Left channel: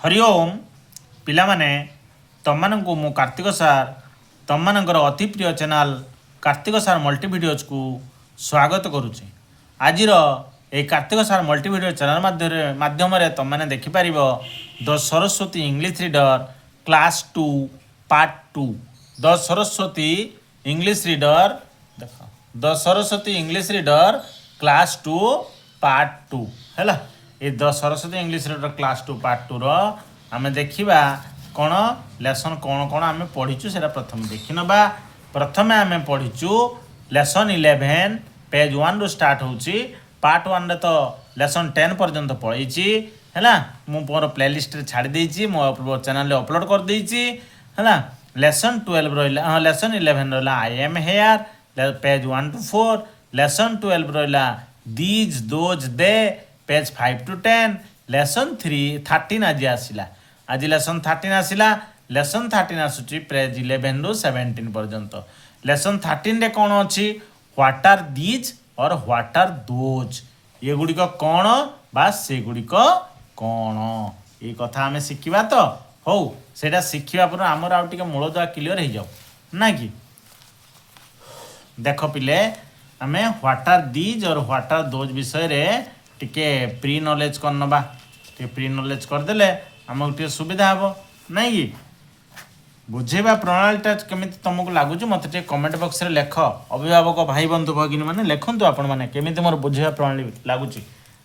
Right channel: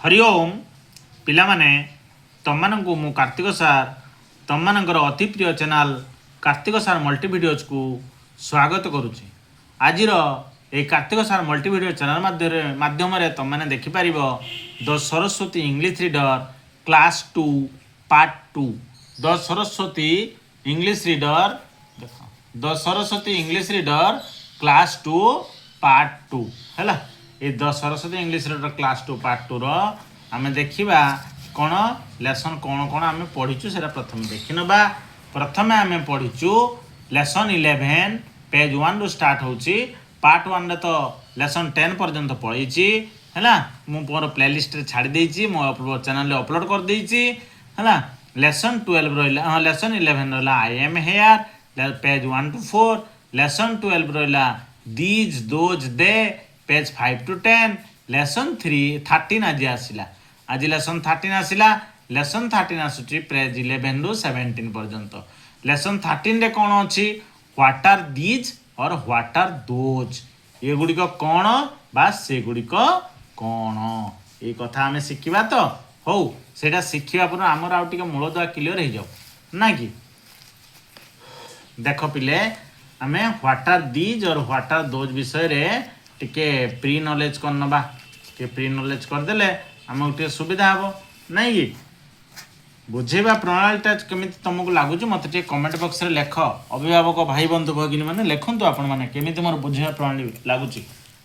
हरि ओम पिलामाने तमମାନଙ୍କୁ ମୁଁ କାର୍ତ୍ତିକ ସାର୍ ତମମାନଙ୍କର ଅତି ପ୍ରିୟ channel Kartik sir multi videos କୁ ସ୍ୱାଗତ କରୁଛି। ଆଜିର ଏହି Kartik sir multi video channel ମାଧ୍ୟମରେ ତମମାନେ ଦେଖିପାରିବ the Saraswati English reader class 2 part 2 the Saraswati English reader ଦେଖ the Saraswati English reader class 2 part 2 ହେଲା। ये the Saraswati English reader class 2 part 2 रो आमे देखिबा कोन लेसन कोन कोन आमे पढिचु सेरा प्रथम देखिनबा। प्रथमे आमे पढिचु लेसन 11 पेज 1 रो स्टार्ट होची। पार्ट 1 रे तो लेसन 10 पर्यंत पढिची हैला। मु मोर प्लेलिस्ट रे छाडी देइची, मो चैनल रे अपलोड कर देइची हैला। लेसन 12 रोइला लेसन 11 रोइला I am here page 1 to 4। Lesson 12 रोइला these those they page 5 to 10। Lesson 13 आज आसिला, आज लेसन 13 आसिला। लेसन 13 आसुची पेज 11 रु 17 पर्यंत। लेसन 13 रे कोन अछि व्हाट आर दीज और व्हाट आर दोज, ये गुडिक कोन बा से गुडिक कोन, ए कथा हमें शिखिबा। तो हो सेटा शिखिबा पर हमर आ टिके मूल दुआ क्लियर हो जाओ ना कि। देख पिले हमें व्हाट आर दीज और व्हाट आर दोज विषय रे टिके प्री नॉलेज करनबा। टिके प्री नॉलेज करदेले हमको टिके सुविधा हबो नहीं कि। बुझेबा प्रणालीटा केमिति तुमको लागुची मत टिके कमेंट बॉक्स रे लेख। अभिभावक भाई बंधु भगिनी माने लेखंतु आपण माने केमिति मोर बुझेबा प्रणाली लागुची।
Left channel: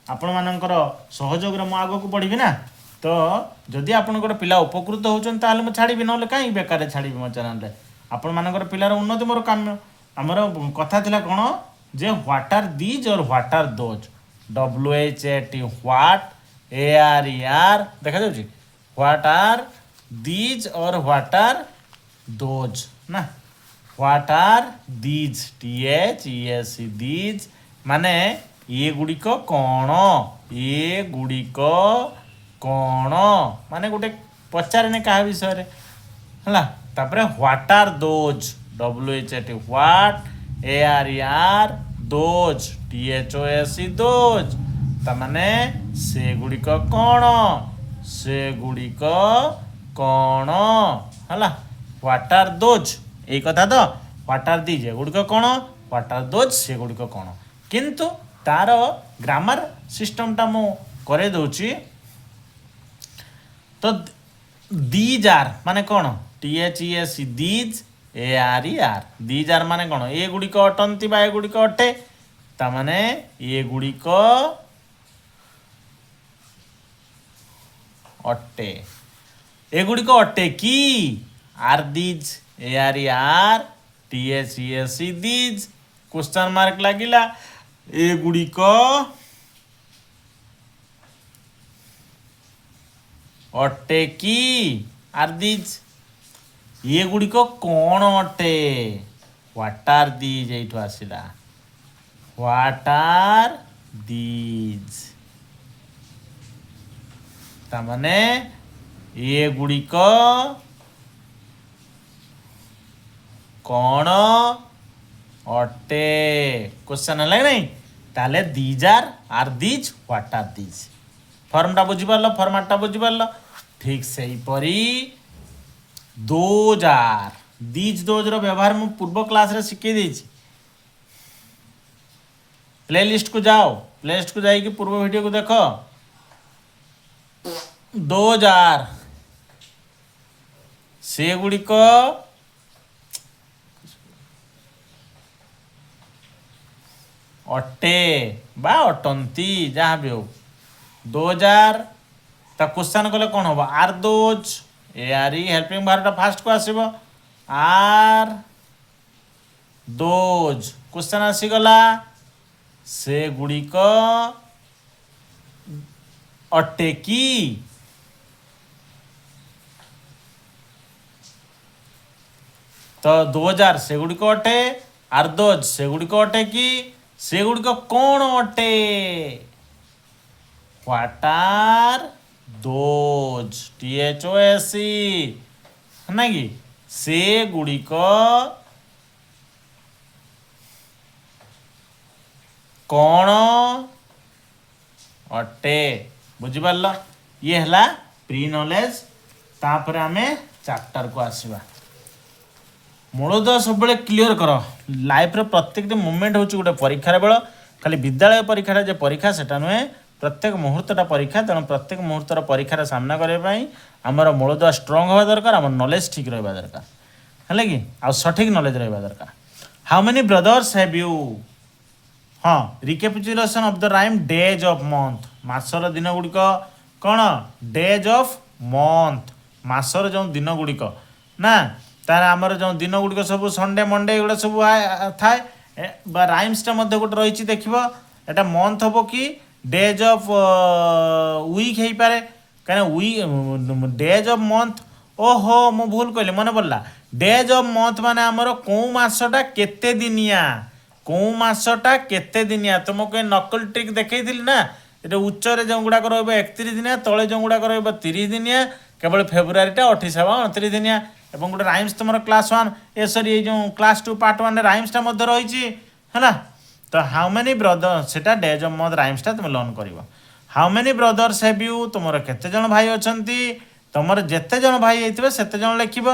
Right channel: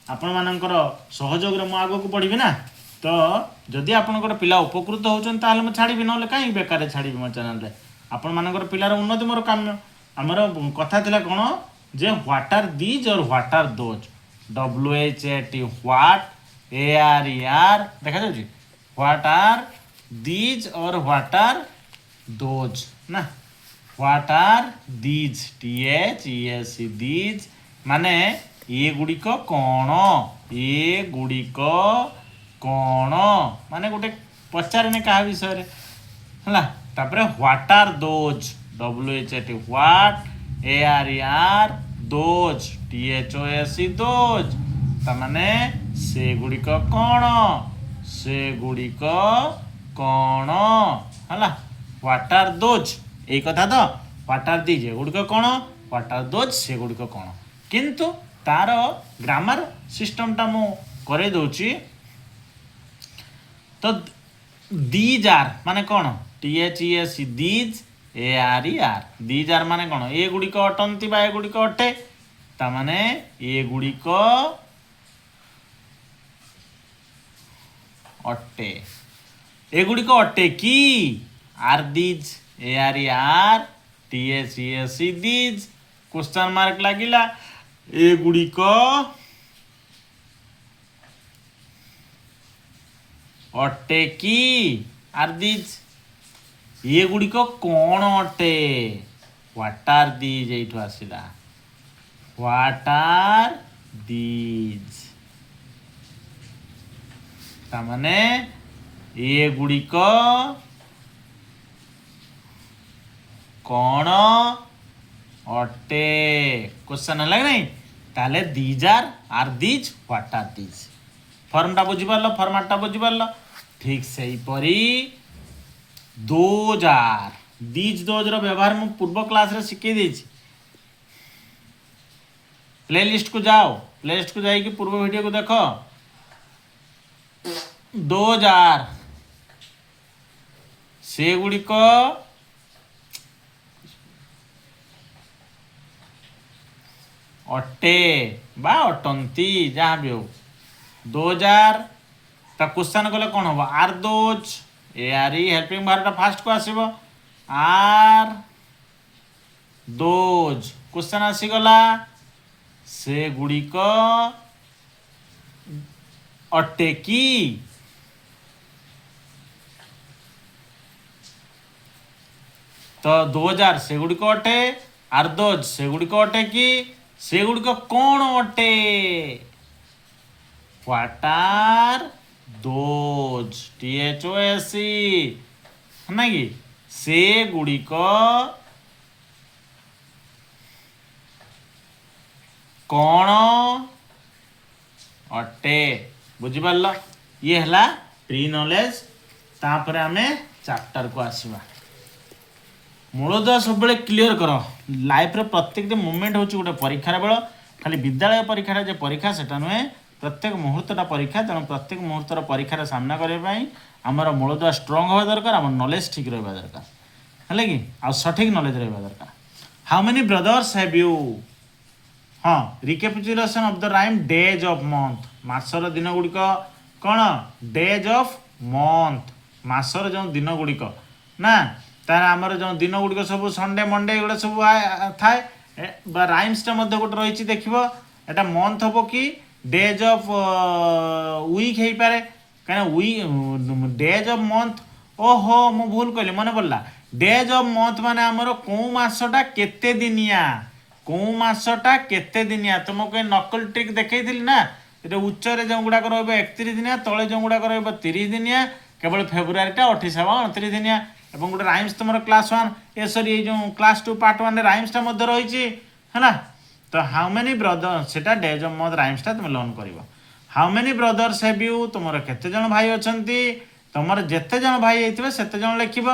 आपण मानकर सहयोग रे मु आगो को पढिबी ना। तो जदि आपनकर पिला उपकृत होचन ताले मु छाड़ीबी, नले काई बेकार छाड़ीबी मो चैनल रे। आपण मानकर पिलार उन्नति मोर काम्य। हमर कथा थिला कोन जे व्हाट आर दीज और what are those, WHAT what ARER देखा जाउची। व्हाट आर दीज और व्हाट आर दोज ना। What are these THESE these माने ये गुडिक कोन, ये गुडिक कोन माने गोटे पचारने कहा विषय रे हला। तापरे what are those WHAT what ARER those THOSE those तमाने से गुडिक कोन, से गुडिक कोन हला। व्हाट आर दोज ए कथा। तो व्हाट आर दीज गुडिक कोन, व्हाट आर दोज से गुडिक कोन। किंतु तार ग्रामर सिस्टम टा मु करे दोची। तो दीज आर माने कोन THESE these ARER these are माने कोन ए गुडिक अटंती बा ए गुडिक अटे ता माने ए गुडिक अटे, ए गुडिक अटे की are these ARER THESE these question mark लागिला। ए गुडिक अटे की आर दीज, ये गुडिक कोन अटे व्हाट आर दीज एठो आसिला व्हाट आर दीज तामाने ये गुडिक कोन अटे क्वेश्चन है नहीं। ताले these are these what are these फॉर्मटा बुझी पारलो, फॉर्मेटटा बुझी पारलो। ठीक सही परी दोज आर दीज दोज रो व्यवहार मु पूर्व क्लास रे सिखे देछि। प्लेलिस्ट को जाओ, प्लेलिस्ट को जाई कि पूर्व वीडियो को देखो। दोज आर से गुडिक अटे बा अटंती जहाँ भी हो। दोज आर ता क्वेश्चन कले कौन हम आर दोज ARE हेल्पिंग भारटा फास्ट को आसीबो आर दोज क्वेश्चन आसीगला से गुडिक अटे की। तो 2000 से गुडिक अटे आर दोज से गुडिक अटे की, से गुडिक कोन अटे व्हाट आर दोज THOSE ना कि से गुडिक कोन अटे बुझिपार ये है ପ୍ରି ନଲେଜ। ତାପରେ ଆମେ ଚାପ୍ଟରକୁ ଆସିବା। ମୂଳଦୁଆ ସବୁବେଳେ କ୍ଲିଅର କର। ଲାଇଫ୍ର ପ୍ରତ୍ୟେକଟି ମୁଭମେଣ୍ଟ ହେଉଛି ଗୋଟେ ପରୀକ୍ଷାର ବେଳ। ଖାଲି ବିଦ୍ୟାଳୟ ପରୀକ୍ଷାଟା ଯେ ପରୀକ୍ଷା ସେଟା ନୁହେଁ, ପ୍ରତ୍ୟେକ ମୁହୂର୍ତ୍ତଟା ପରୀକ୍ଷା। ତେଣୁ ପ୍ରତ୍ୟେକ ମୁହୂର୍ତ୍ତର ପରୀକ୍ଷାର ସାମ୍ନା କରିବା ପାଇଁ ଆମର ମୂଳଦୁଆ ଷ୍ଟ୍ରଙ୍ଗ ହେବା ଦରକାର, ଆମର ନଲେଜ ଠିକ୍ ରହିବା ଦରକାର, ହେଲା କି? ଆଉ ସଠିକ୍ ନଲେଜ ରହିବା ଦରକାର। How many brothers have you? ହଁ, recapitulation of the rhyme days of month. ମାସର ଦିନ ଗୁଡ଼ିକ କ'ଣ? ଡେଜ୍ ଅଫ୍ ମନ୍ଥ, ମାସର ଯେଉଁ ଦିନ ଗୁଡ଼ିକ ନା, ତାର ଆମର ଯେଉଁ ଦିନ ଗୁଡ଼ିକ ସବୁ ସଣ୍ଡେ ମଣ୍ଡେ ଏଗୁଡ଼ା ସବୁ ଥାଏ। ବା ରାଇମ୍ସଟା ମଧ୍ୟ ଗୋଟେ ରହିଛି, ଦେଖିବ ଏଟା ମନ୍ଥ ହେବ କି ଡେଜ୍ ଅଫ୍ ୱିକ୍ ହେଇପାରେ। କାହିଁକିନା ଡେଜ୍ ଅଫ୍ ମନ୍ଥ, ଓହୋ ମୁଁ ଭୁଲ କହିଲି, ମନେ ପଡ଼ିଲା। ଡେଜ୍ ଅଫ୍ ମନ୍ଥ ମାନେ ଆମର କେଉଁ ମାସଟା କେତେ ଦିନିଆ, କେଉଁ ମାସଟା କେତେ ଦିନିଆ। ତୁମକୁ ଏ ନକଲ ଟ୍ରିକ୍ ଦେଖେଇଥିଲି ନା, ଏଟା ଉଚ୍ଚରେ ଯେଉଁଗୁଡ଼ାକ ରହିବ 31 ଦିନିଆ, ତଳେ ଯେଉଁଗୁଡ଼ାକ ରହିବ 30 ଦିନିଆ। କେବଳ ଫେବୃଆରୀଟା 28 ହେବ 29 ଦିନିଆ। ଏବଂ ଗୋଟେ ରାଇମ୍ସ ତୁମର କ୍ଲାସ୍ 1 ଏଇ ଯେଉଁ କ୍ଲାସ୍ 2 ପାର୍ଟ 1ରେ ରାଇମ୍ସଟା ମଧ୍ୟ ରହିଛି, ହେଲା। ତ ହାଉ ମେନି ବ୍ରଦର, ସେଟା ଡେଜ୍ ଅଫ୍ ମନ୍ଥ ରାଇମ୍ସଟା ତୁମେ ଲର୍ନ କରିବ। How many brothers have you? ତୁମର କେତେ ଜଣ ଭାଇ ଅଛନ୍ତି? ତୁମର ଯେତେ ଜଣ ଭାଇ ହେଇଥିବେ ସେତେ ଜଣ ଲେଖିବ।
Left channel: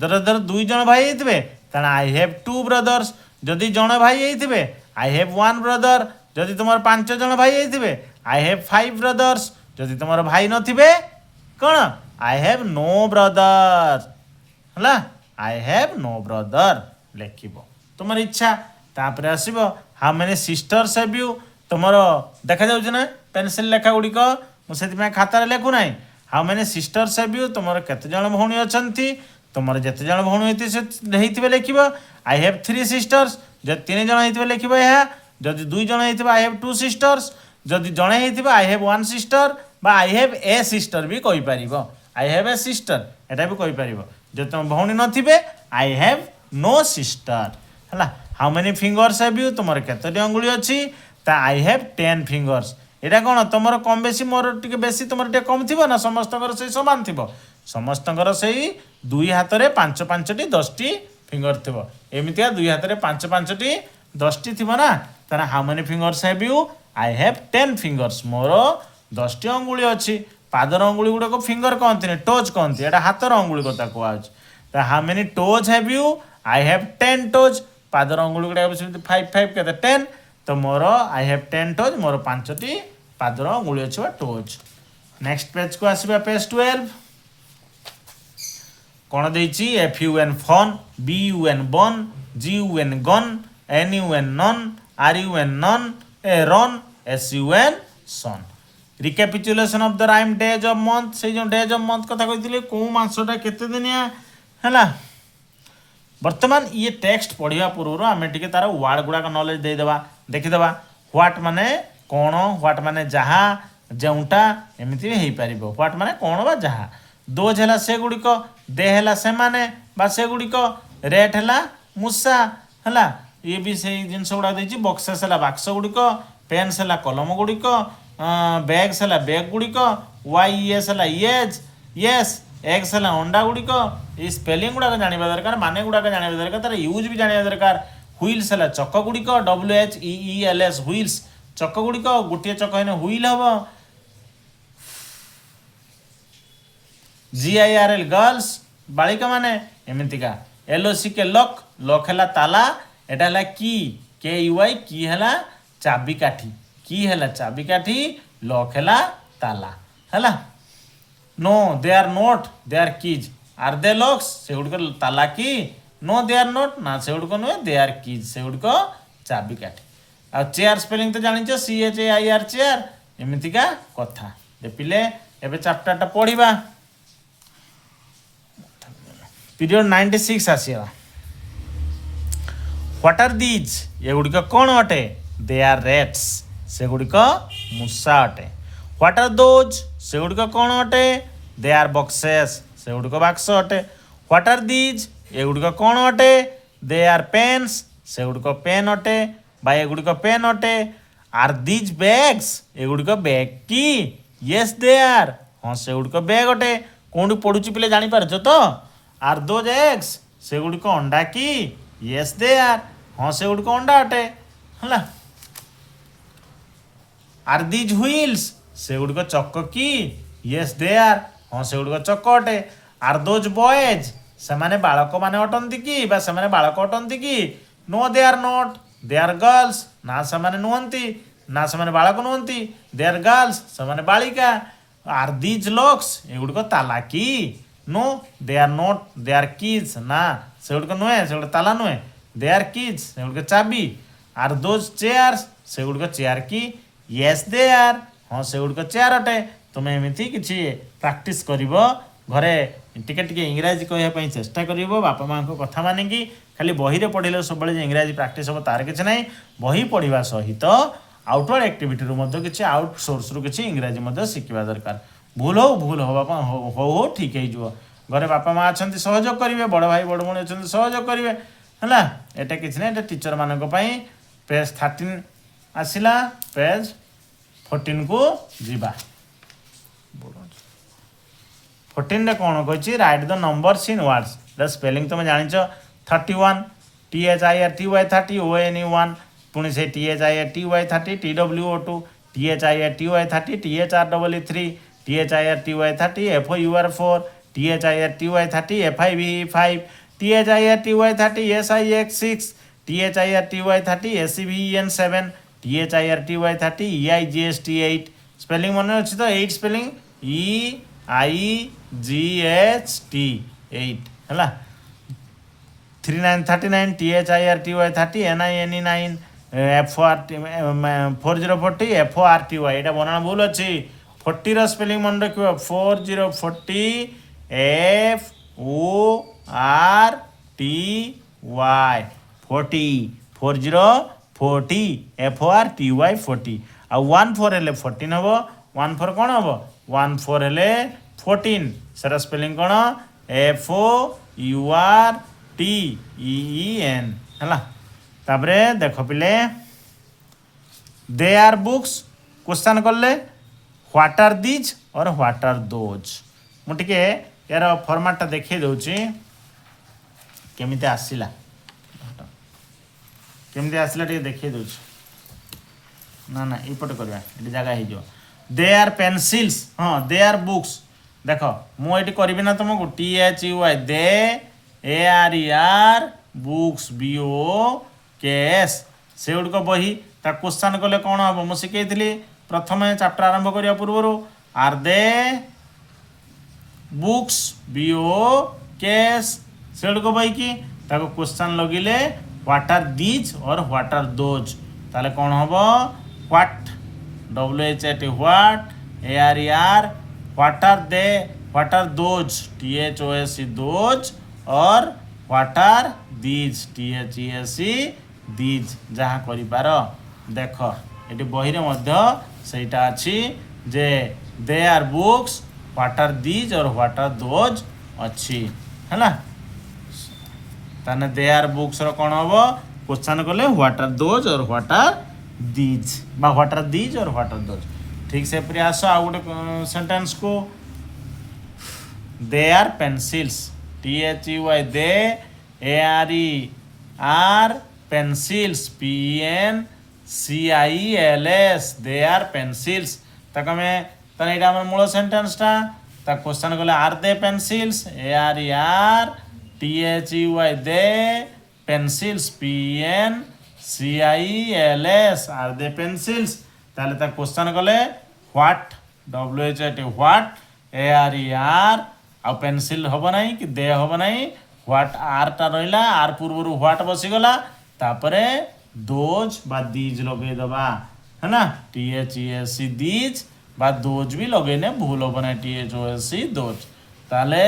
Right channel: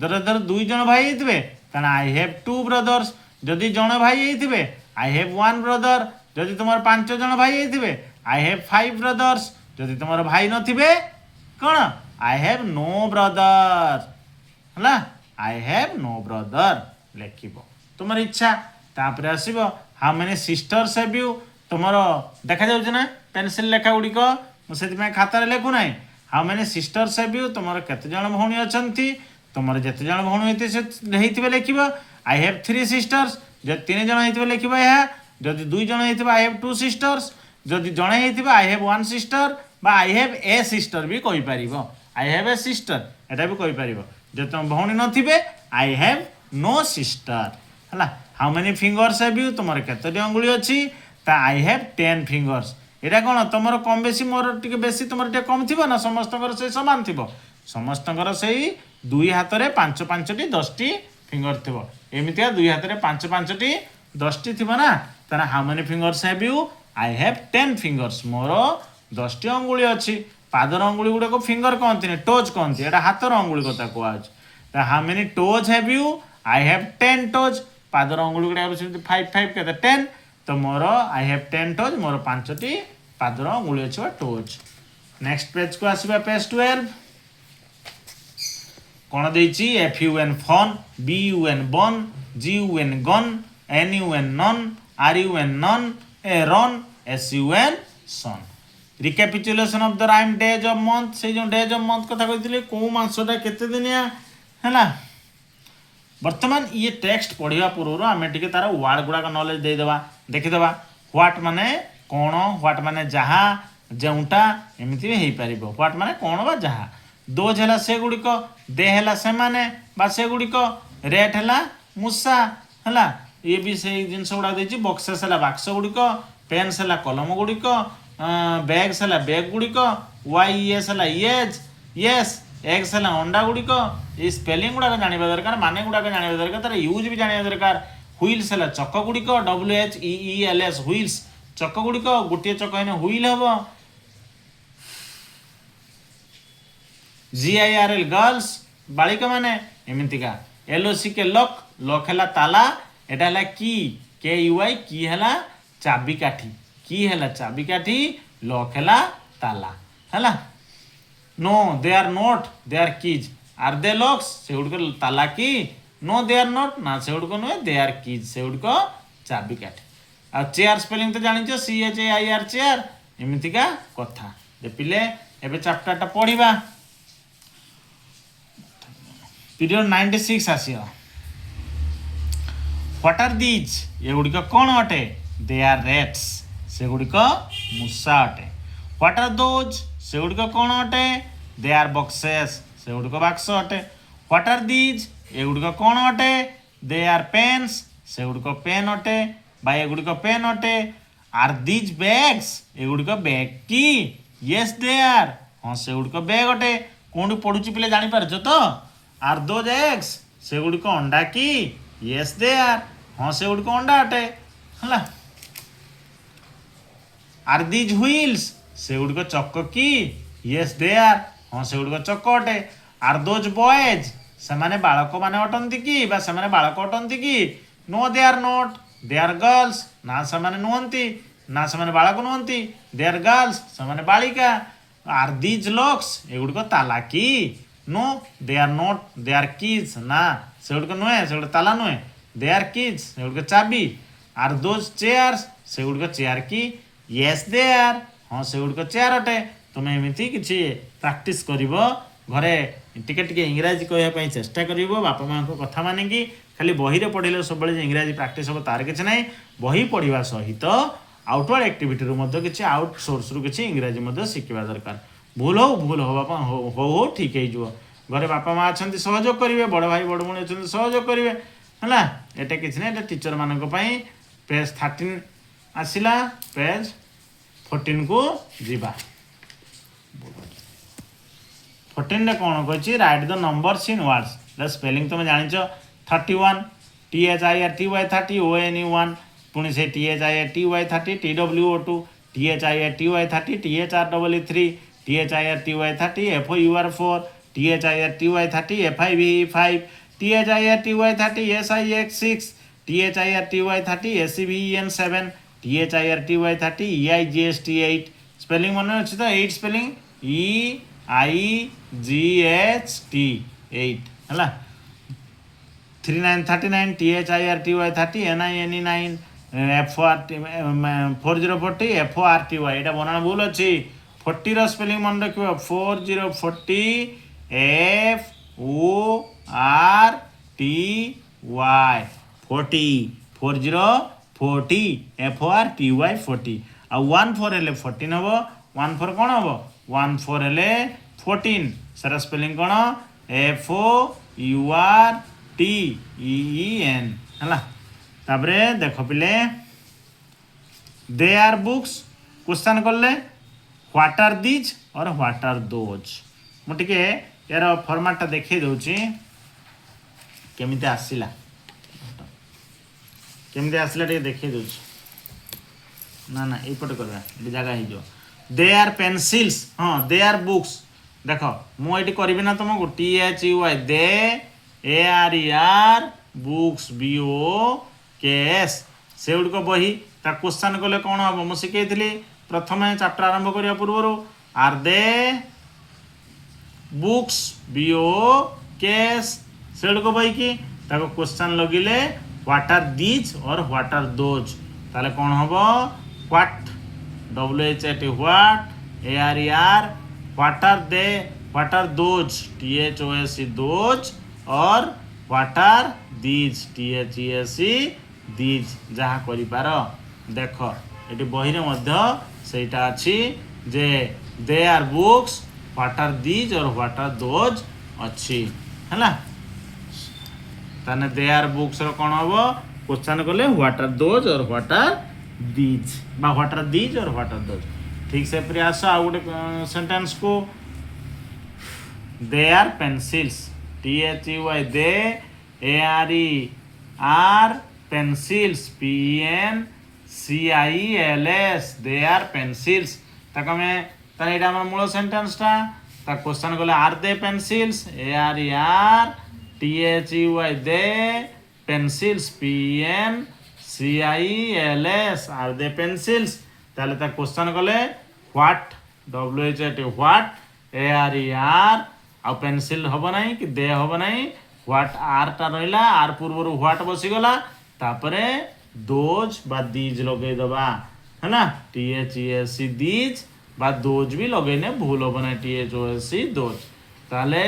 ଧର 2 ଜଣ ଭାଇ ହେଇଥିବେ ତାହେଲେ ଆଇ ହ୍ୟାଭ୍ 2 ବ୍ରଦର୍ସ। ଯଦି ଜଣେ ଭାଇ ହେଇଥିବେ ଆଇ ହ୍ୟାଭ୍ 1 ବ୍ରଦର। ଯଦି ତୁମର 5 ଜଣ ଭାଇ ହେଇଥିବେ ଆଇ ହ୍ୟାଭ୍ 5 ବ୍ରଦର୍ସ। ଯଦି ତୁମର ଭାଇ ନଥିବେ କ'ଣ? ଆଇ ହ୍ୟାଭ୍ ନୋ ବ୍ରଦର, ହେଲା। ଆଇ ହ୍ୟାଭ୍ ନୋ ବ୍ରଦର ଲେଖିବ, ତୁମର ଇଚ୍ଛା। ତାପରେ ଆସିବ how many sisters have you? ତୁମର ଦେଖାଯାଉଛି ନା ପେନସିଲ୍ ଲେଖା ଗୁଡ଼ିକ, ମୁଁ ସେଥିପାଇଁ ଖାତାରେ ଲେଖୁନାହିଁ। How many sisters have you? ତୁମର କେତେ ଜଣ ଭଉଣୀ ଅଛନ୍ତି? ତୁମର ଯେତେ ଜଣ ଭଉଣୀ ହେଇଥିବେ ଲେଖିବ ଆଇ ହ୍ୟାଭ୍ 3 ସିଷ୍ଟର୍ସ। ଯଦି 3 ଜଣ ହେଇଥିବେ ଲେଖିବ ଏହା। ଯଦି 2 ଜଣ ହେଇଥିବ ଆଇ ହ୍ୟାଭ୍ 2 ସିଷ୍ଟର୍ସ। ଯଦି ଜଣେ ହେଇଥିବ ଆଇ ହ୍ୟାଭ୍ 1 ସିଷ୍ଟର ବା ଆଇ ହ୍ୟାଭ୍ ଏ ସିଷ୍ଟର ବି କହିପାରିବ। ଆଇ ହ୍ୟାଭ୍ ଏ ସିଷ୍ଟର ଏଟା ବି କହିପାରିବ। ଯଦି ତୁମ ଭଉଣୀ ନଥିବେ ଆଇ ହ୍ୟାଭ୍ ନୋ ସିଷ୍ଟର, ହେଲା। How many fingers have you? ତୁମର କେତୋଟି ଅଙ୍ଗୁଳି ଅଛି? ତା ଆଇ ହ୍ୟାଭ୍ 10 ଫିଙ୍ଗର୍ସ। ଏଇଟା କ'ଣ ତୁମର କମ୍ ବେଶୀ, ମୋର ଟିକେ ବେଶୀ ତୁମର ଟିକେ କମ୍ ଥିବ ନା ସମସ୍ତଙ୍କର ସେଇ ସମାନ ଥିବ? ସମସ୍ତଙ୍କର ସେଇ 2 ହାତରେ 5ଟି 10ଟି ଫିଙ୍ଗର ଥିବ। ଏମିତିଆ 2 ହାତରେ 5ଟି 10ଟି ଥିବ ନା। ତାହେଲେ how many fingers have you? I have 10 fingers. ମୋର 10ଟି ଅଙ୍ଗୁଳି ଅଛି। ପାଦର ଅଙ୍ଗୁଳି ଗୁଡ଼ାକ ଫିଙ୍ଗର କହନ୍ତିନି, ଟୋଜ୍ କହନ୍ତି। ଏଇଟା ହାତର ଅଙ୍ଗୁଳି କଥା କୁହାଯାଉଛି। ତ how many toes have you? I have 10 toes. ପାଦର ଅଙ୍ଗୁଳି ଗୁଡ଼ାକ ସେମିତି 5 କେତେ 10। ତ ମୋର ଆଇ ହ୍ୟାଭ୍ 10 ଟୋଜ୍, ମୋର 5ଟି ପାଦର ଅଙ୍ଗୁଳି ଅଛି ବା ଟୋଜ୍। ନେକ୍ସଟ ପେଜକୁ ଆସିବା, ପେଜ 12। କ'ଣ ଦେଇଛି? F U N fun, B U N bun, G U N gun, N U N nun, R U N run, a run, S U N sun. Recapitulation of the rhyme days of month. ସେଇ ଯେଉଁ days of month କଥା କହିଥିଲି, କେଉଁ ମାସଟା କେତେ ଦିନିଆ, ହେଲା। ବର୍ତ୍ତମାନ ଇଏ ଟେକ୍ସଟ ପଢ଼ିବା ପୂର୍ବରୁ ଆମେ ଟିକେ ତାର ୱାର୍ଡ଼ ଗୁଡ଼ାକ ନଲେଜ ଦେଇଦେବା, ଦେଖିଦେବା। ହ୍ୱାଟ୍ ମାନେ କ'ଣ, ହ୍ୱାଟ୍ ମାନେ ଯାହା, ଯେଉଁଟା, ଏମିତି ବି ହେଇପାରିବ। ହ୍ୱାଟ୍ ମାନେ କ'ଣ ବା ଯାହା। ଦୋଜ୍ ହେଲା ସେଗୁଡ଼ିକ, ଦେ ହେଲା ସେମାନେ ବା ସେଗୁଡ଼ିକ, ରେଟ୍ ହେଲା ମୂଷା, ହେଲା। ଇଏ ବି ସେଇ ଜିନିଷ ଗୁଡ଼ାକ ଦେଇଛି। ବକ୍ସେସ୍ ହେଲା ବାକ୍ସ ଗୁଡ଼ିକ, ପେନ୍ସ ହେଲା କଲମ ଗୁଡ଼ିକ, ବ୍ୟାଗ୍ସ ହେଲା ବ୍ୟାଗ୍ ଗୁଡ଼ିକ, YES ହେଲା ୟେସ୍, ଏଗ୍ସ ହେଲା ଅଣ୍ଡା ଗୁଡ଼ିକ। ଏଇ ସ୍ପେଲିଂ ଗୁଡ଼ାକ ଜାଣିବା ଦରକାର, ମାନେ ଗୁଡ଼ାକ ଜାଣିବା ଦରକାର, ତାର ୟୁଜ୍ ବି ଜାଣିବା ଦରକାର। ହୁଇଲ୍ସ ହେଲା ଚକ ଗୁଡ଼ିକ, WHEELS ହୁଇଲ୍ସ, ଚକ ଗୁଡ଼ିକ। ଗୋଟିଏ ଚକ ହେଲେ ହୁଇଲ୍ ହେବ। GIRL ଗର୍ଲସ, ବାଳିକା ମାନେ, ଏମିତିକା। LOCK ଲକ୍, ଲକ୍ ହେଲା ତାଲା, ଏଟା ହେଲା କି, KUI କି ହେଲା ଚାବିକାଠି, କି ହେଲା ଚାବିକାଠି, ଲକ୍ ହେଲା ତାଲା, ହେଲା। No they are not, they are keys. Are they locks? सेगुड़िक ताला की। नो दे आर नॉट, ना सेगुड़िक नुहे, दे आर कीज, सेगुड़िक चाबिकाठी। आ चेयर स्पेलिंग तो जानिଛ, CHAIR चेयर, एमितिका कथा। जे पिले एबे चैप्टरटा पढ़िबा। पीरियड 96 आसीबा। What are these? एगुड़िक कौन अटे? दे आर रेट्स, सेगुड़िक मूषा अटे। What are those? सेगुड़िक कौन अटे? दे आर बक्सेस, सेगुड़िक बाक्स अटे। What are these? एगुड़िक कौन अटे? दे आर पेन्स, सेगुड़िक पेन अटे बा एगुड़िक पेन अटे। Are these bags? एगुड़िक बैग की। येस दे आर, हाँ सेगुड़िक बैग अटे। कौन पढ़ुची पिले जानी पारछ तो? Are those eggs? सेगुड़िक अंडा की। येस दे आर, हाँ सेगुड़िक अंडा अटे, हला। Are these wheels? सेगुड़िक चक्क की। येस दे आर, हाँ से गुड़िक चक अटे आर दोज बॉयज से माने बालक माने अटंती कि बा से माने बालक अटंती कि no they are not they are girls ना से माने नुहंती ना से माने बालक नुहंती दे आर गर्ल्स से माने बालिका आर दीज लॉक्स ए गुड़िक ताला कि no they are not they are keys ना से गुड़िक नुहे से गुड़िक ताला नुहे दे आर कीज से गुड़िक चाबी आर दोज चेयर्स से गुड़िक चेयर कि येस दे आर हाँ से गुड़िक चेयर अटे तुम एमती किसी प्राक्टिस करिवो घरे टिके टिके इंग्राजी कहवाई चेष्टा करिवो बापा माँ को कथा मानिकी खाली बही रे पढ़िले सब इंग्राजी प्राक्टिस हम तार किसी ना बही पढ़ा सहित आउटवर्ड एक्टिविटी किसी आउटसोर्स रु किसी इंग्राजी शिखा दरकार भूल हो बापा हो ठीक हो घरे बापा माँ अच्छा सहयोग करेंगे बड़ भाई बड़ भाई अच्छा सहयोग करेंगे है एटा किसी ना टीचर मान पेज 13 आसला पेज 14 को जीवा 14 कौन कही right the numbers in words the spelling तुम जान 31 THIRTY 30 ONE1 पुणी से THIRTY 30 TWO2 THIRTY 30 THREE3 THIRTY 30 FOUR4 THIRTY 30 FIVE5 THIRTY 30 SIX6 THIRTY 30 SEVEN7 THIRTY 30 EIGST8 spelling मन अच्छी तो 8 स्पेलिंग EIGHT 8 है 3939 THIRTY 30 NINE9 4040 FORTY यहाँ बनाना भूल अच्छी 40 स्पेलिंग मन रख 4040 FORTY 40 FORTY FORTY आ 14 हेले 14 हम 14 कौन हम 14 हेले 14 सर स्पेलिंग कौन FOURTEEN है तापरे देख पिले दे आर बुक्स क्वेश्चन कले व्हाट आर दीज और व्हाट आर दोज मुझे यार फॉर्मेट देखी दूची केमी आसला केमी आसला देखी दूची ना ना यपटे करवा ये जगह हो दे आर पेनसिल्स हाँ दे आर बुक्स देख मुझे करी ना तुमको THUY they ARER books BOOKS से गुड़िक बही ता क्वेश्चन कले कौन हम मुझे शिखी प्रथम चैप्टर आरंभ करने पूर्व आर दे बुक्स BOOKS से गुड़िक बही की क्वेश्चन लगिले व्हाट आर दीज और व्हाट आर दोज ताले कौन हम what WHAT what ARER what are they what are those THOSE those और what are these THESE these जहाँ कर देख ये बही सेटा अच्छी जे they are books what are these और व्हाट आर दोज अच्छी है ताने दे आर बुक्स कौन हम क्वेश्चन कले व्हाट आर दोज और व्हाट आर दीज बा व्हाट आर दीज और व्हाट आर दोज ठीक से फिर आस आ गोटे सेंटेंस को they are pencils THUY they ARER pencils PENCILS they are pencils तक में यहाँ मूल सेंटेंस ता क्वेश्चन कले are they pencils ARER THUY they pencils PENCILS are they pencils ताले क्वेश्चन कले व्हाट WHAT व्हाट ARER आ पेंसिल हम ना कि दे हम ना व्हाट आर टा रहा आर पूर्व व्हाट बसीगला तापरे दोज बा दीज लगे दबा है ना THESE दीज बा दोज भी लगेने भूल हम ना THOSE दोज ताले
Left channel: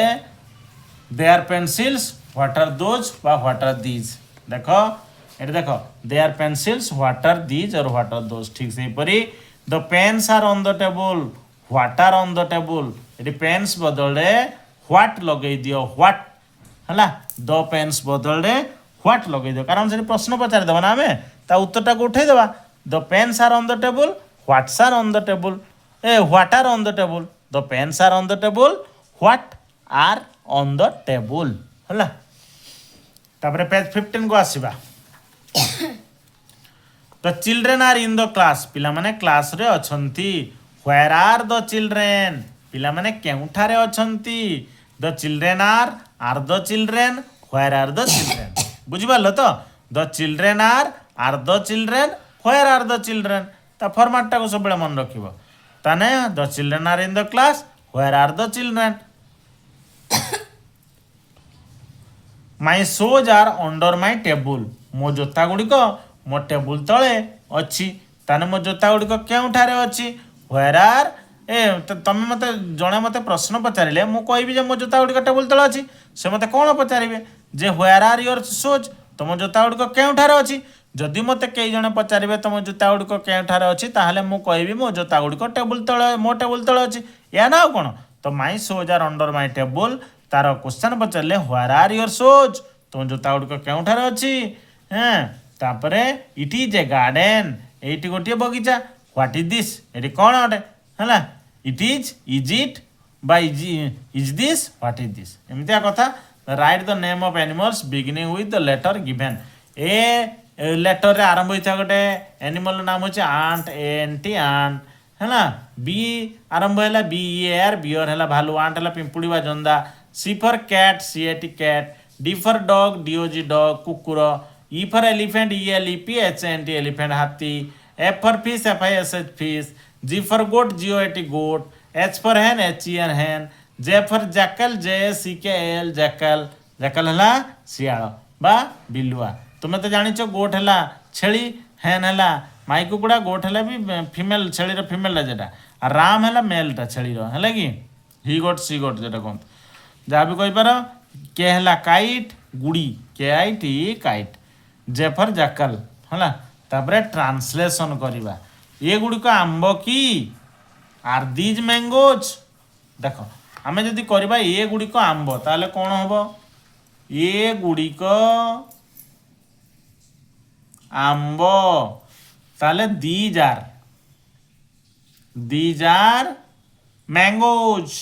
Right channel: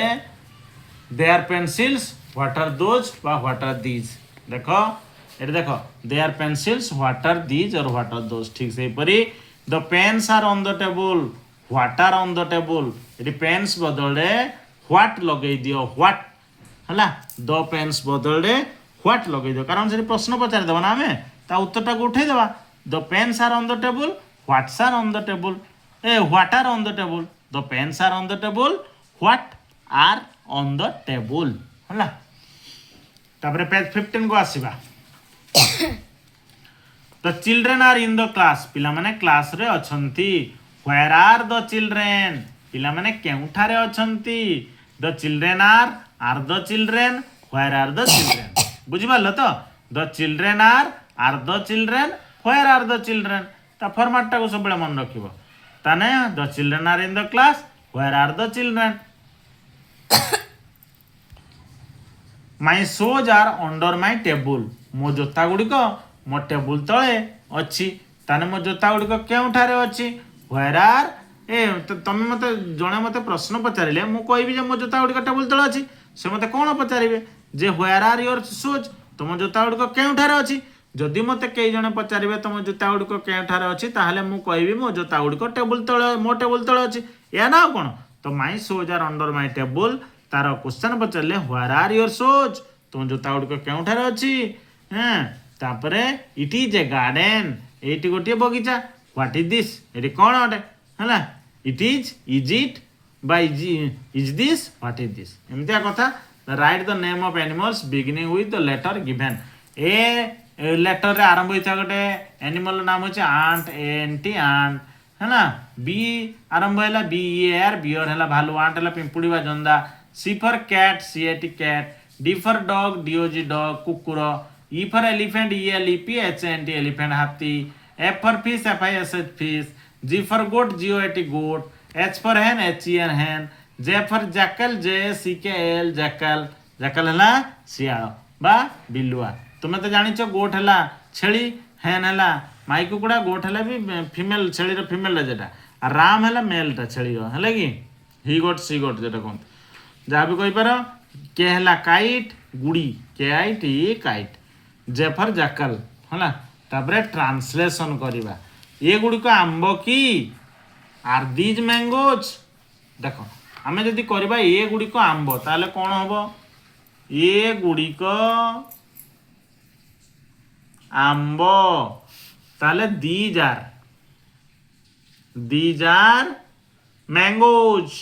they are pencils what are those बा व्हाट आर दीज देखो ये देखो they are pencils what are these और व्हाट आर दोज ठीक से परी the pens are on the table what are on the table ये पेन्स बदले व्हाट लगे दियो व्हाट है द पेन्स बदले व्हाट लगे दियो कारण से प्रश्न पचार देव ना आम ता उत्तरटा को उठे देवा the pens are on the table what's are on the table what are on the table the pens are on the table what are on the table है तापर पेज 15 को आसीबा the children are in the class पिला माने class रे अछंती where are the children ପିଲାମାନେ କେଉଁଠାରେ ଅଛନ୍ତି। The children are the children where are the children. ବୁଝିପାରିଲ ତ? The children are the children where are the children. ତା ଫର୍ମାଟଟାକୁ ସବୁବେଳେ ମନେ ରଖିବ। ତାନେ the children are in the class where are the children. My shoes are under my table. ମୋ ଜୋତା ଗୁଡ଼ିକ ମୋ ଟେବୁଲ୍ ତଳେ ଅଛି। ତାହେଲେ ମୋ ଜୋତା ଗୁଡ଼ିକ କେଉଁଠାରେ ଅଛି? ହ୍ୱେର୍ ଆର୍ ତମେ ମୋତେ ଜଣେ ମୋତେ ପ୍ରଶ୍ନ ପଚାରିଲେ ମୁଁ କହିବି ଯେ ମୋ ଜୋତା ଗୁଡ଼ିକ ଟେବୁଲ୍ ତଳେ ଅଛି। ସେ ମୋତେ କ'ଣ ପଚାରିବେ ଯେ ହ୍ୱେର୍ ଆର୍ ୟୋର୍ ଶୋଜ୍, ତମ ଜୋତା ଗୁଡ଼ିକ କେଉଁଠାରେ ଅଛି। ଯଦି ମୋତେ କେହି ଜଣେ ପଚାରିବେ ତମ ଜୋତା ଗୁଡ଼ିକ କେଉଁଠାରେ ଅଛି, ତାହେଲେ ମୁଁ କହିବି ମୋ ଜୋତା ଗୁଡ଼ିକ ଟେବୁଲ୍ ତଳେ, ମୋ ଟେବୁଲ୍ ତଳେ ଅଛି। ଏହା ନା ଆଉ କ'ଣ? ତ ମାଇ shoes are under my table, ତାର କ୍ୱେଶ୍ଚନ୍ ପଚାରିଲେ ହ୍ୱେର୍ ଆର୍ ୟୋର୍ ଶୋଜ୍, ତମ ଜୋତା ଗୁଡ଼ିକ କେଉଁଠାରେ ଅଛି। ତାପରେ ଇଟ୍ ଇଜ୍ ଏ ଗାର୍ଡେନ୍, ଏଇଠି ଗୋଟିଏ ବଗିଚା। ହ୍ୱାଟ୍ ଇଜ୍ ଦିସ୍, ଏଠି କ'ଣ ଅଟେ ହେଲା। ଇଜ୍ ଇଟ୍ ବା is this, what is this, ଏମିତିଆ କଥା। Write the name of animals beginning with the letter given. ଏ ଲେଟର୍ରେ ଆରମ୍ଭ ହୋଇଥିବା ଗୋଟେ ଆନିମଲ୍ ନାମ ହେଉଛି ଆଣ୍ଟ, ଏଣ୍ଟି ଆଣ୍ଟ ହେଲା। ବି ଆରମ୍ଭ ହେଲା ବିଇଆର୍, ବିଅର୍ ହେଲା ଭାଲୁ, ଆଣ୍ଟ ହେଲା ପିମ୍ପୁଡ଼ି ବା ଜନ୍ଦା। C for cat, C A T cat. D for dog, D O G dog କୁକୁର। E for elephant, E L E P H N T elephant ହାତୀ। F for fish, F I S H fish. G for goat, G O A T goat. H for hen, H E N hen. J for jackal, JCKL jackal, jackal ହେଲା ଶିଆଳ ବା ବିଲୁଆ। ତୁମେ ତ ଜାଣିଛ ଗୋଟ୍ ହେଲା ଛେଳି, ହେନ୍ ହେଲା ମାଇ କୁକୁଡ଼ା, ଗୋଟ୍ ହେଲା ବି ଫିମେଲ୍, ଛେଳିର ଫିମେଲ୍ଟା ଯେଟା, ଆଉ ରାମ୍ ହେଲା ମେଲ୍ଟା ଛେଳିର, ହେଲା କି ହି ଗୋଟ୍ ସି ଗୋଟ୍ ଯେଟା କୁହନ୍ତି, ଯାହା ବି କହିପାର। କେ ହେଲା କାଇଟ୍, ଗୁଡ଼ି, KIT କାଇଟ୍। ଜେ ଫର୍ ଜାକଲ୍ ହେଲା। ତାପରେ ଟ୍ରାନ୍ସଲେସନ୍ କରିବା। ଏଗୁଡ଼ିକ ଆମ୍ବ କି? Are these ମ୍ୟାଙ୍ଗୋଜ୍। ଦେଖ ଆମେ ଯଦି କରିବା ଏଗୁଡ଼ିକ ଆମ୍ବ, ତାହେଲେ କ'ଣ ହେବ? ଏଗୁଡ଼ିକ ଆମ୍ବ, ତାହେଲେ ଦିଜ୍ ଆର୍ ମ୍ୟାଙ୍ଗୋଜ୍।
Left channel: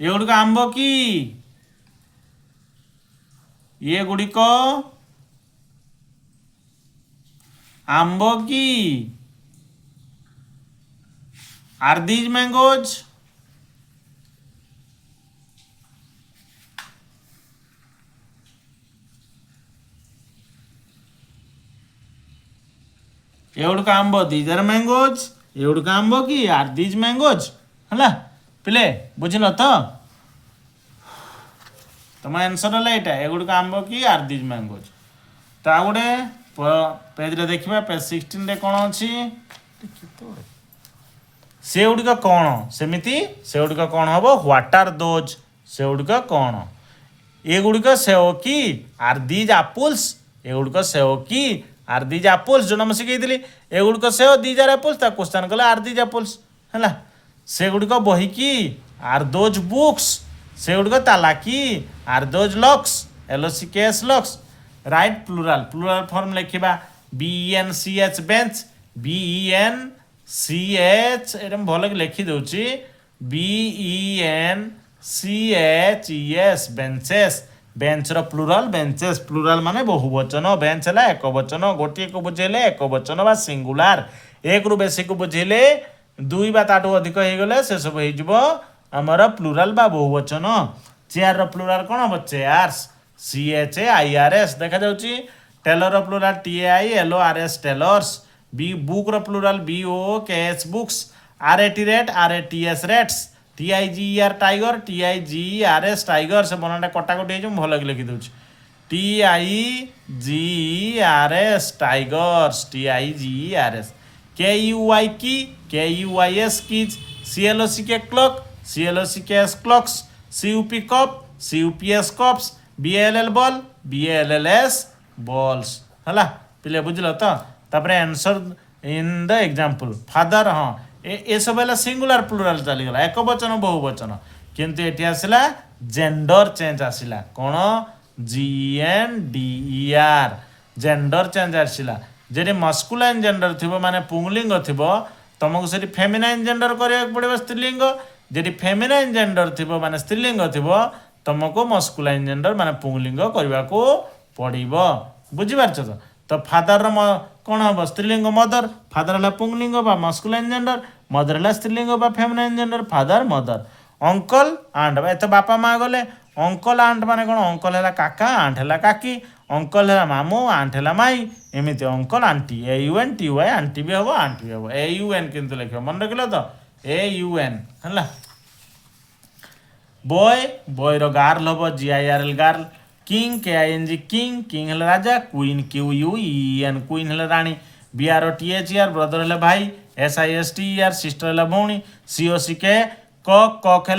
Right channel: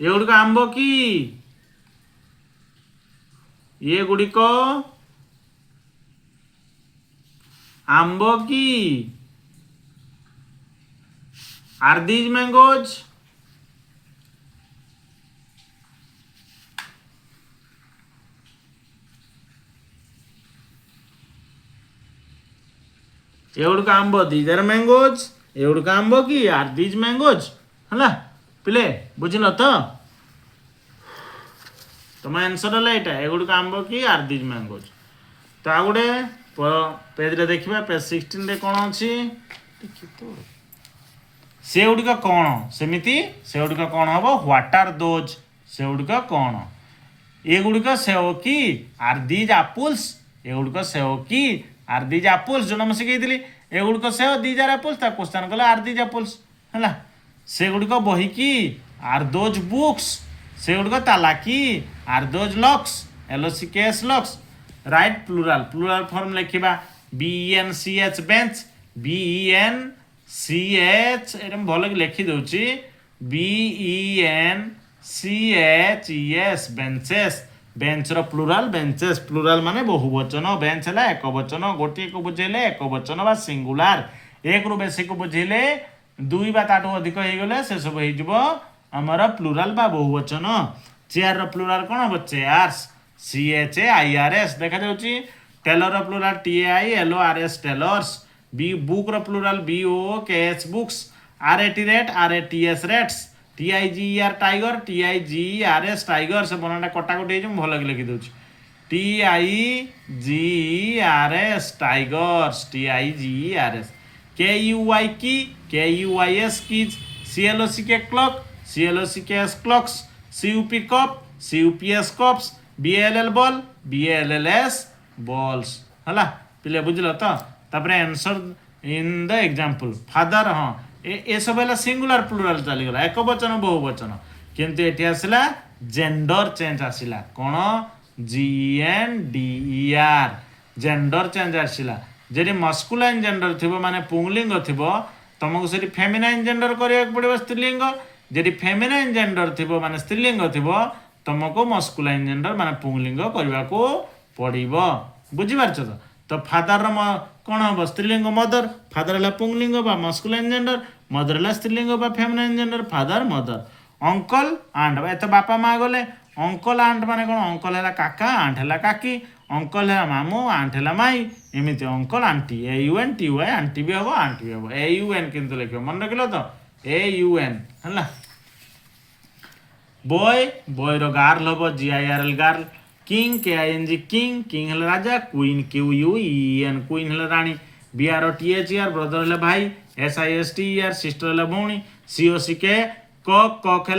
ଏଗୁଡ଼ିକ ଆମ୍ବ କି? ଏଗୁଡ଼ିକ ଆମ୍ବ କି? Are these ମ୍ୟାଙ୍ଗୋଜ୍। ଏଗୁଡ଼ିକ ଆମ୍ବ, ଦିଜ୍ ଆର୍ ମ୍ୟାଙ୍ଗୋଜ୍। ଏଗୁଡ଼ିକ ଆମ୍ବ କି? ଆର୍ ଦିଜ୍ ମ୍ୟାଙ୍ଗୋଜ୍ ହେଲା। ପିଲେ ବୁଝିଲ ତ? ତମ ଆନ୍ସର ହେଲା ଏଇଟା, ଏଗୁଡ଼ିକ ଆମ୍ବ କି? Are these ମ୍ୟାଙ୍ଗୋଜ୍। ତ ଆଉ ଗୋଟେ ପେଜ୍ରେ ଦେଖିବା, ପେଜ୍ 16ରେ କ'ଣ ଅଛି? ସେଗୁଡ଼ିକ କ'ଣ? ସେମିତି ସେଗୁଡ଼ିକ କ'ଣ ହେବ? ହ୍ୱାଟ୍ ଆର୍ ଦୋଜ୍, ସେଗୁଡ଼ିକ କ'ଣ? ଏଗୁଡ଼ିକ ସେଓ କି? Are these apples. ଏଗୁଡ଼ିକ ସେଓ କି? Are these apples. ଯେଉଁଟା ମୁଁ ଶିଖେଇଥିଲି, ଏଗୁଡ଼ିକ ସେଓ, ଦିଜ୍ ଆର୍ ଆପଲ୍ସ। ତା କ୍ୱେଶ୍ଚନ୍ କଲେ ଆର୍ ଦିଜ୍ ଆପଲ୍ସ ହେଲା। ସେଗୁଡ଼ିକ ବହି କି? Are those books. ସେଗୁଡ଼ିକ ତାଲା କି? Are those locks, LOCKS locks. Write plural, plural form ଲେଖିବା। BENCH ବେଞ୍ଚ, BENCH, ଏଇଟା ମୁଁ ଭଲ ଲେଖି ଦେଉଛି, BENCHES ବେଞ୍ଚେସ୍। ବେଞ୍ଚର ପ୍ଲୁରାଲ୍ ବେଞ୍ଚେସ୍, ପ୍ଲୁରାଲ୍ ମାନେ ବହୁବଚନ, ବେଞ୍ଚ ହେଲା ଏକ ବଚନ, ଗୋଟିଏକୁ ବୁଝେଇଲେ ଏକ ବଚନ ବା ସିଙ୍ଗୁଲାର। ଏକରୁ ବେଶୀକୁ ବୁଝେଇଲେ ଦୁଇ ବା ତାଠୁ ଅଧିକ ହେଇଗଲେ ସେସବୁ ହେଇଯିବ ଆମର ପ୍ଲୁରାଲ୍ ବା ବହୁବଚନ। ଚେୟାରର ପ୍ଲୁରାଲ୍ କ'ଣ ହେବ? ଚେୟାର୍ସ, CHAIRS ଦେଖାଯାଉଛି। Tailor plural TAILORS, tailors. ବୁକ୍ର plural BOOKS, books. RATs, rats. TIGER tiger, TIGERS tiger. ସେ ବନାଟା କଟାକଟି ହେଇଛି, ମୁଁ ଭଲ ଲେଖି ଦେଉଛି। TIGERS tigers, TIGERS। KUY key? KUYS keys. CLOCK clock, CLOCKS clocks. CUP cup, CUPS cups. BALL ball, BALLS balls ହେଲା। ପିଲେ ବୁଝିଲ ତ? ତାପରେ answer in the example. Father, ହଁ ଏସବୁ ହେଲା ସିଙ୍ଗୁଲାର ପ୍ଲୁରାଲ୍ ଚାଲିଗଲା, ଏକ ବଚନ ବହୁବଚନ। କିନ୍ତୁ ଏଠି ଆସିଲା ଜେଣ୍ଡର ଚେଞ୍ଜ ଆସିଲା। କ'ଣ? GENDER, ଜେଣ୍ଡର ଚେଞ୍ଜ ଆସିଲା। ଯଦି ମସ୍କୁଲାଇନ୍ ଜେଣ୍ଡର ଥିବ ମାନେ ପୁଂଲିଙ୍ଗ ଥିବ, ତମକୁ ସେଠି ଫେମିନାଇନ୍ ଜେଣ୍ଡର କରିବାକୁ ପଡ଼ିବ, ସ୍ତ୍ରୀଲିଙ୍ଗ। ଯଦି ଫେମିନାଇନ୍ ଜେଣ୍ଡର ଥିବ ମାନେ ସ୍ତ୍ରୀଲିଙ୍ଗ ଥିବ, ତମକୁ ମସ୍କୁଲାଇନ୍ ଜେଣ୍ଡର ମାନେ ପୁଂଲିଙ୍ଗ କରିବାକୁ ପଡ଼ିବ। ବୁଝିପାରୁଛ ତ? ଫାଦରର କ'ଣ ହେବ? ସ୍ତ୍ରୀଲିଙ୍ଗ ମଦର, ଫାଦର ହେଲା ପୁଂଲିଙ୍ଗ ବା ମସ୍କୁଲାଇନ୍ ଜେଣ୍ଡର। मदर है स्त्रीलिंग बा feminine gender father mother uncle aunt एत बापा माँ गले अंकल आंट माने कौन अंकल है काका आंट है काकी अंकल है मामू आंट है माई एमती अंकल आंटी AUNTY आंटी भी हम आंटी भी हम AUN किंतु लिख मन रख तो AUN है बॉय बॉय रो गार्ल हम GIRL girl king KING king king है राजा क्वीन QUEN क्वीन है रानी BROTHER ब्रदर है भाई SISTER सिस्टर है भौणी COCK कक है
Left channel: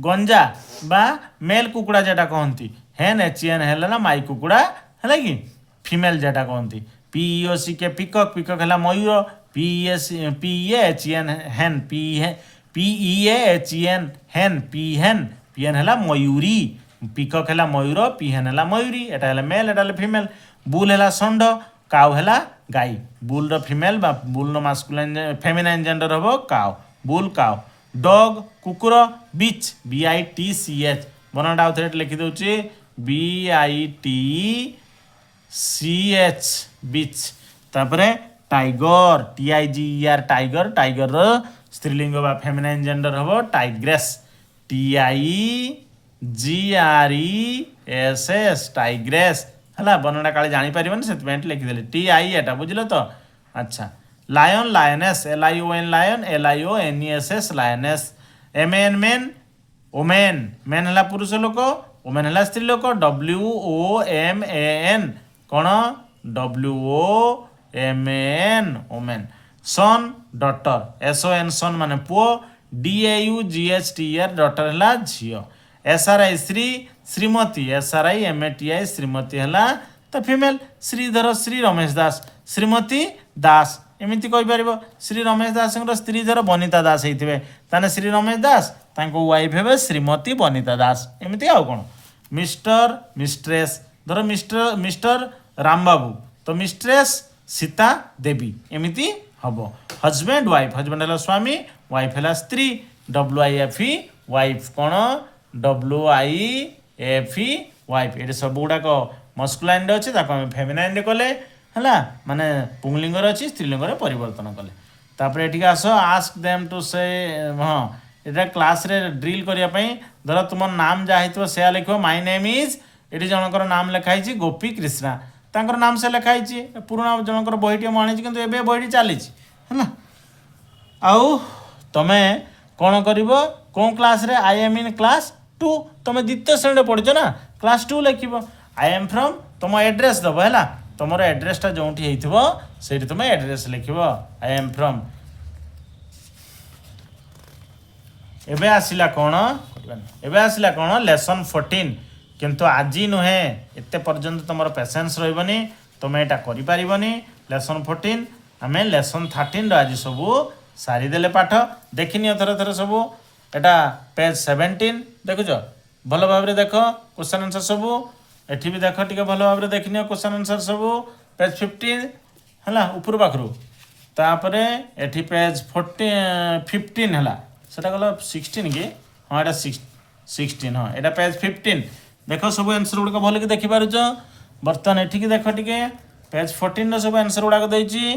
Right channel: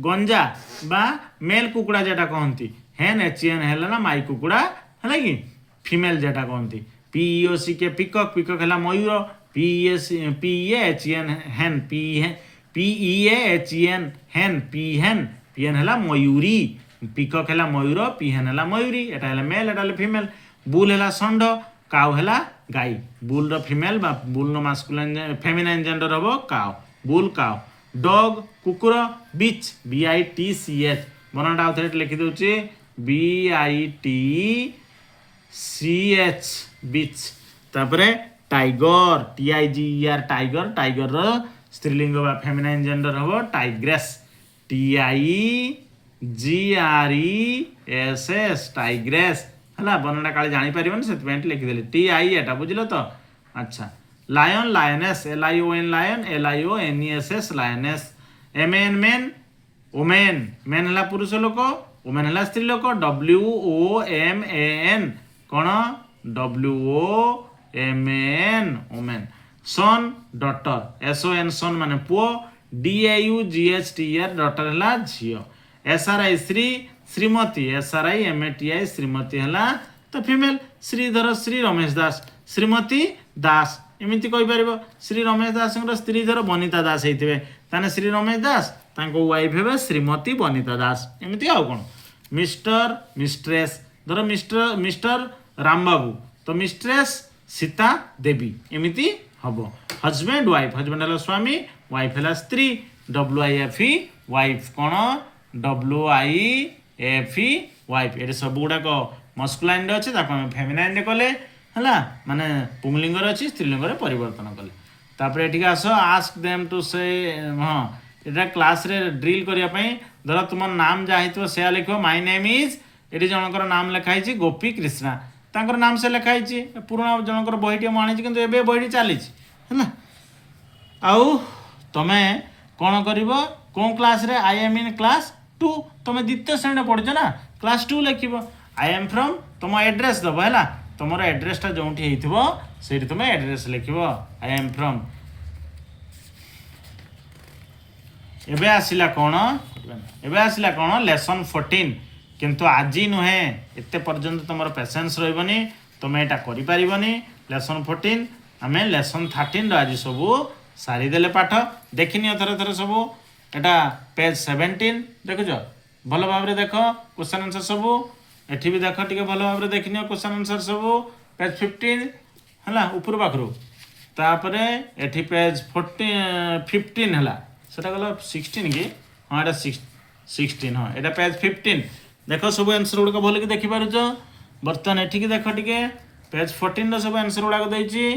गंजा बा मेल कुकुड़ा जेटा कहती हेन HEN है ना माई कुकुड़ा है कि फीमेल जेटा कहती PEOCK पिकक पिकक है मयूर PEAHEN हेन PEAHEN हेन पीहेन है मयूरी पिकक है मयूर पीहेन है मयूरी एटा है मेल एटा है फीमेल बुल है षंढ काउ है गाई बुल रो फीमेल बा बुल रो मास्कुलाइन फेमिनाइन जेंडर हम काउ बुल काउ डॉग कुकुर बिच BITCH बनटा आउ थे लिखि दूची BITCH बिच तापरे टाइगर TIGER टाइगर टाइगर रो स्त्रीलिंग बा फेमिनाइन जेंडर हम टाइग्रेस TIGRESS टाइग्रेस है बनटा काले जापर से लिखिदेली TI एटा बुझल तो अच्छा lion lioness LION lion LIONESS lioness MAN man woman men है पुरुष लोक ओमेन है स्त्री लोक WOMAN कौन WOMAN ओमेन सन डटर SON सन माने पुओ DAUGHTER डटर है झील SRI Shri Shrimati SRI MATI Shrimati है तो फीमेल श्रीधर श्री रमेश दास श्रीमती दास एमती कहीपर श्री रमेश दास स्त्री धर बनिता दास होते ताने श्री रमेश दास वाइफ हे श्रीमती बनिता दास एमती आउ कौन मिस्टर मिस्ट्रेस धर मिस्टर रामबाबू तो मिस्ट्रेस सीता देवी एमती हम हजबैंड वाइफ हजबैंड है स्वामी वाइफ है स्त्री WIFE वाइफ कौन WIFE वाइफ ये सब गुड़ाक मस्कुलाइन अच्छे फेमिनाइन कले है माने पुंगलिंग अच्छी स्त्रीलिंग परिवर्तन कले तापर ये आस आस्क देम टू से हाँ ये क्लास रे ड्रिल करने धर तुम नाम जहाँ हो से लिख माय नेम इज ये जनकर नाम लिखाई गोपी कृष्णा तांकर नाम से लिखाई पुराणा जनकर बहीटी मुझे कि बहीटी चली आउ तुम कौन कर कौन क्लास रे आई एम इन क्लास 2 तुम द्वितीय श्रेणी पढ़ुच ना क्लास 2 लिख आई एम फ्रॉम तुम एड्रेस दब है तुम एड्रेसटा जो से तुम एड्रेस लिख आई एम फ्रॉम एबे आसिला कौन लेसन 14 किंतु आज नुहे एते पर्यंत तुम पेसेंस रही तुम यहाँ करें लेसन 14 आम लेसन 13 आज सब सारीदे पाठ देखनी थर थर सब एटा पेज 17 देखुच भल भाव देख क्वेश्चन आंसर सब एठी भी देख टे भल भाव देखनी क्वेश्चन आंसर सब पेज 15 है ऊपर पाखु तापर एठी पेज 15 है सेटा गला 16 कि हाँ एटा 16 हाँ एटा पेज 15 देख सब आंसर गुड़ाक भल कि देखिपार बर्तमान एठिकी देख टे पेज 14 सब आंसर गुड़ाक देती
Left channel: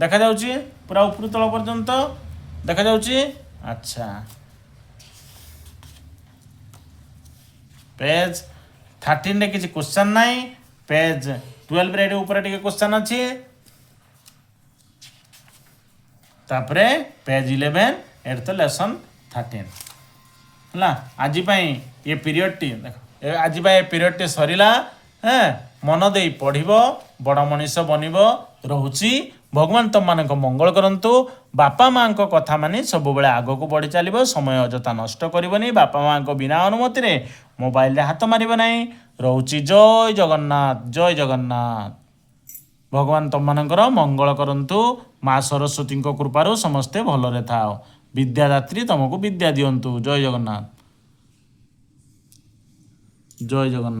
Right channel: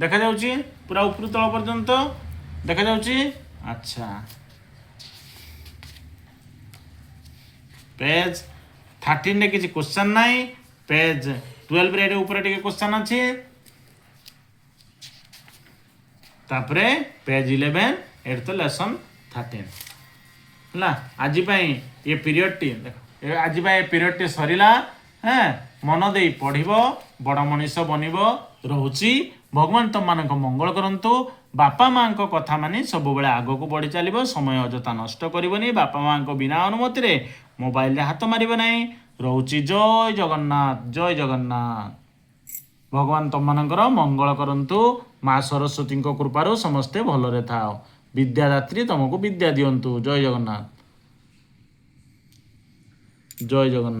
देखा जाउची पूरा ऊपर तल पर्यंत देखा जाउची अच्छा पेज 13 रे किसी क्वेश्चन नहीं पेज 12 रे ऊपर टिके क्वेश्चन अच्छी तापरे पेज 11 एट तो लेसन 13 है आज ये पीरियड टी देख आज ये पीरियड टी सरीला है मन दे पढ़ बड़ मनीष बनब रोची भगवान तुम मान मंगल करंतु बापा माँ कथा मानी सब बेले आग को बढ़ी चलो समय अजथा नष्ट करनी बापा माँ बिना अनुमति रे मोबाइल हाथ मार ना रोची जय जगन्नाथ जय जगन्नाथ भगवान तुम मानकर मंगल करंतु माँ सरस्वती कृपार समस्ते भलरे थाओ विद्यादात्री तुमको विद्या दिंतु जय जगन्नाथ जय जगन्नाथ।